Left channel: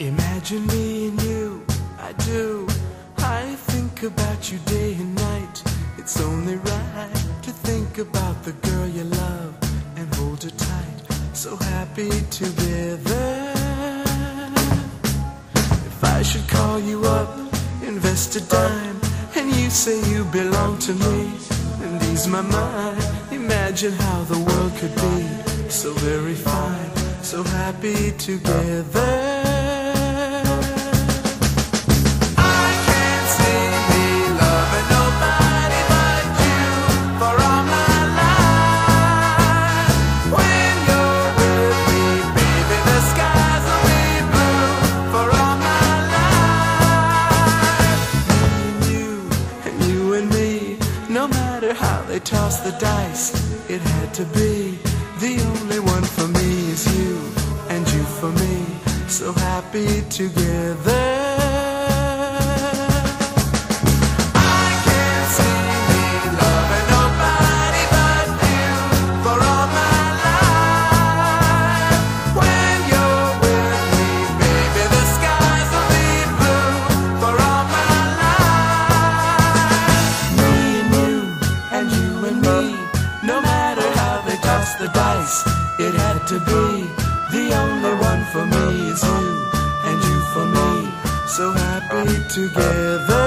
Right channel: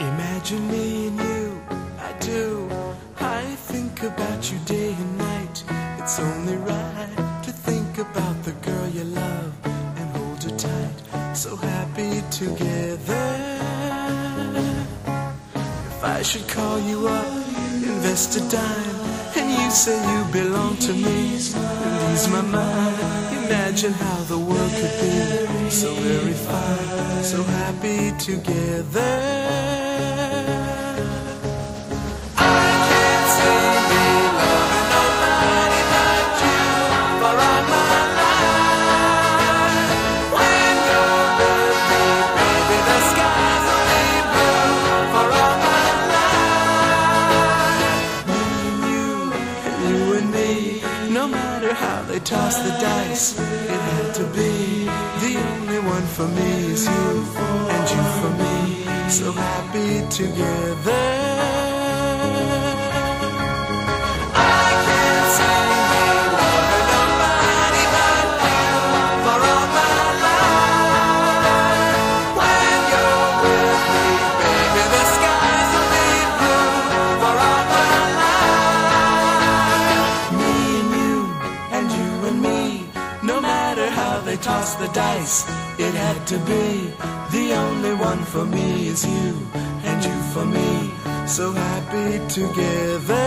Imagine me and you, I do. I think about you day and night. It's only right to think about the girl you love and hold her tight. So happy together. If I should call you up, invest a dime, and you say you belong to me, and ease my mind. Imagine how the world could be so very fine, so happy together. No matter how they toss the dice, it had to be. The only one for me is you, and you for me, so happy together. Toss the dice, it had to be. The only one for me is you, and you for me, so happy together.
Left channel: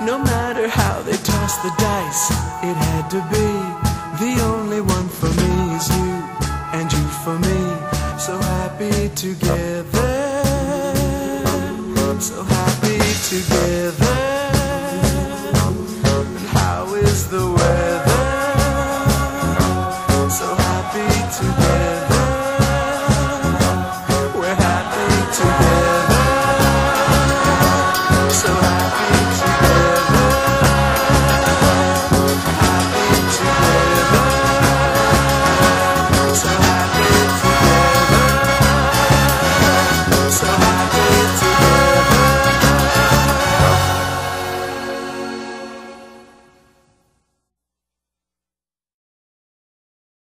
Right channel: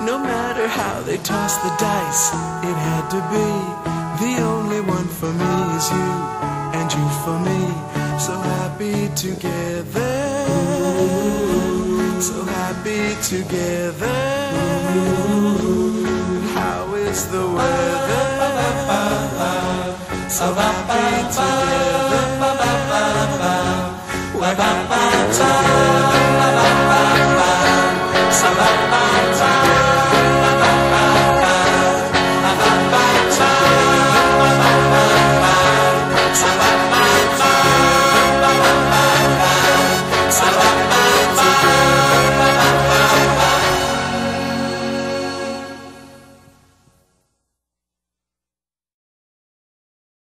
No matter how they toss the dice, it had to be. The only one for me is you, and you for me, so happy together. So happy together. And how is the weather? So happy together.